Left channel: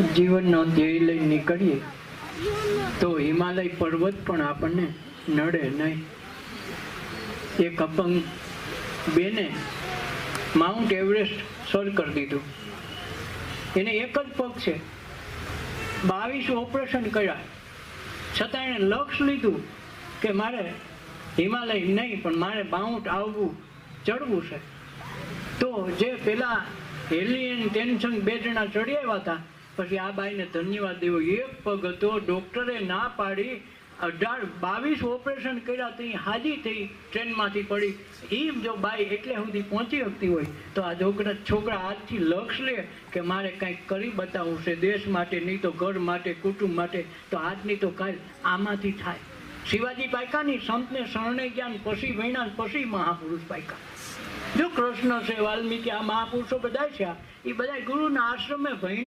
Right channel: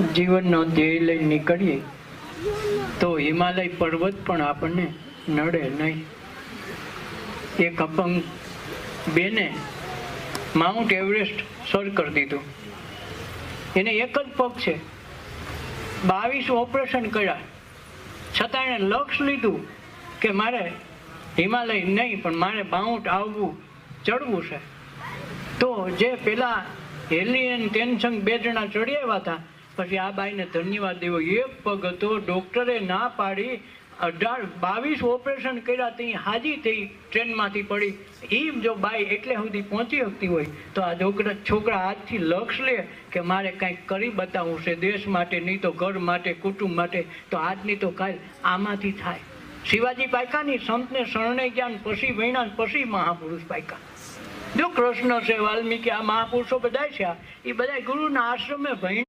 જીવનનો ધ્યેય લઈ નીકળીએ, તો હિમાલય પર્વત પણ આપણને નડે નહીં. એક અપંગ બેને માઉન્ટ એવરેસ્ટ સર કરી દીધું. એને એક જ પગ છે. બાવીસ ઓપરેશન કર્યા. છતાં એણે લક્ષ લીધું કે મારે હિમાલય નહીં, પણ મારે માઉન્ટ આવવું, ચડવું છે. તો જે પેલા હેલી એન્ડ ટેન્શન બે જણા ચડી આવ્યા હતા પછી આ બાઈને ધન્યવાદ દેવો. એક પગ હતો, ડોક્ટરે ના પાડી, અઢાર બાવીસ ઓપરેશન કર્યા ત્યાં હાજી થઈ ટ્રેનમાંથી પડી. એ જો બાઈ એટલે સુધી પહોંચી શકતી હોય, તો આ છોકરા છોકરા આજથી લક્ષ લે કે મારે કંઈક કરી બતાવવું છે દેશ માટે, નહીં તો ઘર માટે, કુટુંબ માટે, તો આજ નહીં તો કાલ આમાંથી થાય. શિવાજી પાયકાની સંતને શરણે જ્ઞાન પછી વૈણા પછી મહાપુરુષ પાયકા. જો કૃષ્ણ છે, વાલ્મીકી, આ મહાપુરુષો બધા છે એ બધા ગુરુના આશ્રમે ભણી